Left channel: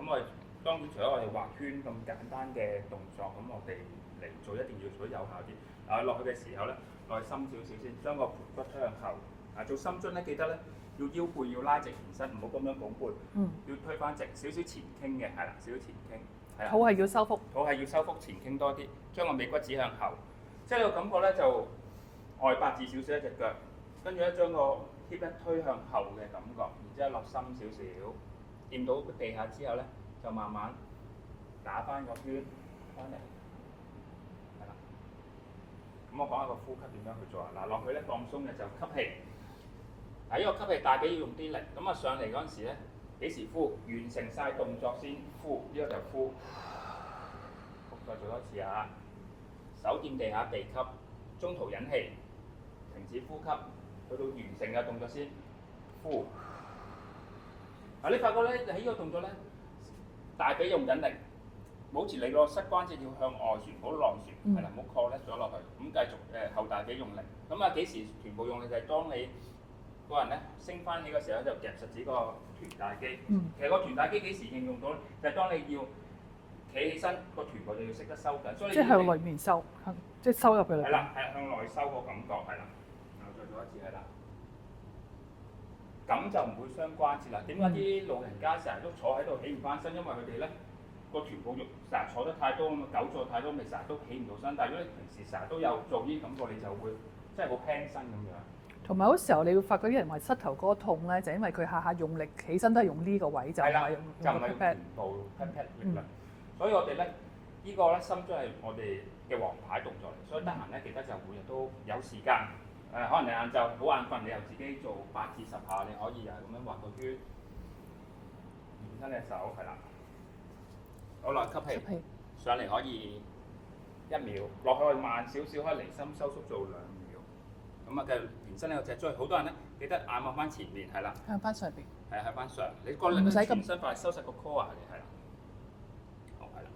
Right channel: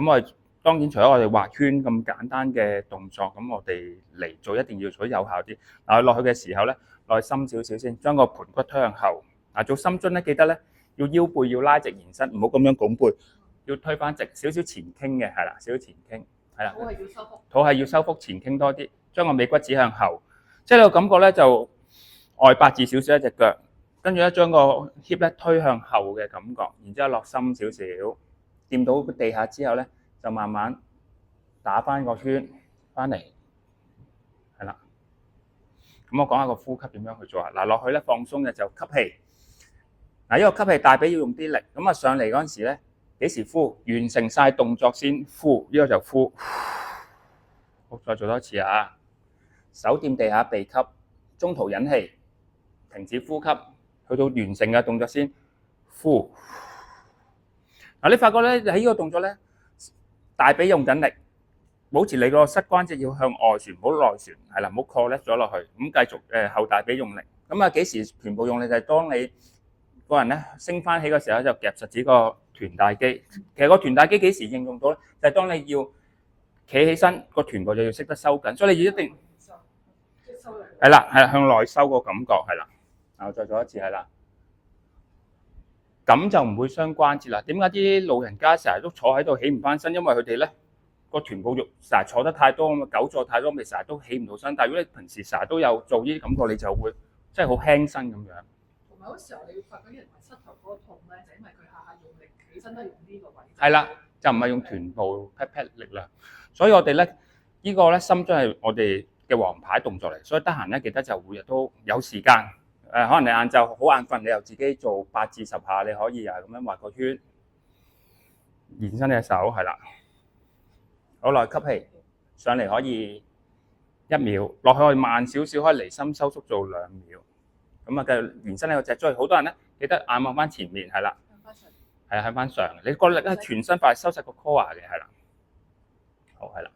咁我哋當然除咗我哋畫圈咁簡單嘅動作，咁我哋嚟做一定要做得有效啲。嗱，落去嘅時候咧，落去深少少先，將個盤骨推向後。嗱，做深蹲咧，記得咧要腰背要拉直延伸，唔好咁樣拱背，要推翻直，少少前傾嘅，係啦，少少前傾，係啦。肚係要收腹，肚係要收腹，前傾多啲，將個尾骨指向後，即係你個感覺咧就外八字少少一隻腳，跟住咧將個 hip 咧推向後嘅感覺，然之後落深少少，掂到地下之後咧就慢慢打翻個圈翻嚟，係啦。咁我講下個呼吸點樣去做啊？嗱，落去咧放鬆嘅就吸氣，嗱，呢個吸氣大髀要用啲力，咁啊上嚟嗰陣時咧幾時呼？完成晒動作先呼，呢個就呼。好，再做多次啊！手掂地下鼻吸，中途引氣，停止呼吸，去到完成嘅動作先呼。嗱，你發覺咧喺呢個動作咧，大髀用緊力，保持你個膝關節要向外旋，唔好內旋，係啦，唔好 collapse 咗落去。咁繼續後大髀用力。咁啊幾時全部用力？就係當你個人咧升翻起嘅時候，就夾實指個臀大肌。其實個臀大肌幾時應用到咧？就係當你要企起身，個臀部就要識得收緊，所以你一定向裏面收，即係收入去。係啦，係向內收個感覺係啦。我再做一次係啦，咁就唔會傷關節啦。點解啲老人家成日都坐喺度起唔翻身？因為佢哋咧個臀部肉成日坐得太多咁啊，久坐太多，咪成日都起唔到身。但係如果你平時成日都有做呢啲感覺，你就會即係好輕身咁樣。同埋好時候你會發覺啲人話膝頭哥痛咧，就因為佢下下用力起身都係用呢個位就係啦，就唔係用臀部 pat pat 力量。所以我哋咧呢個咧深蹲係我哋嘅王牌動作嚟，所以得閒咧記得就每日都有時間。可能你晏晝好眼瞓，你又自己做8至10下，你可以又係咁樣畫個圈，延伸隻手係啦。好，落去吸氣，上嚟可以1秒，落去可以慢少少，可以離心收縮做2秒。咁啊，繼續延伸呢個脊椎。好多人咧記得眼望翻前面係啦，向翻上邊，係向翻上。你個力咧全身快收實個 core 嘅係啦。好係啦。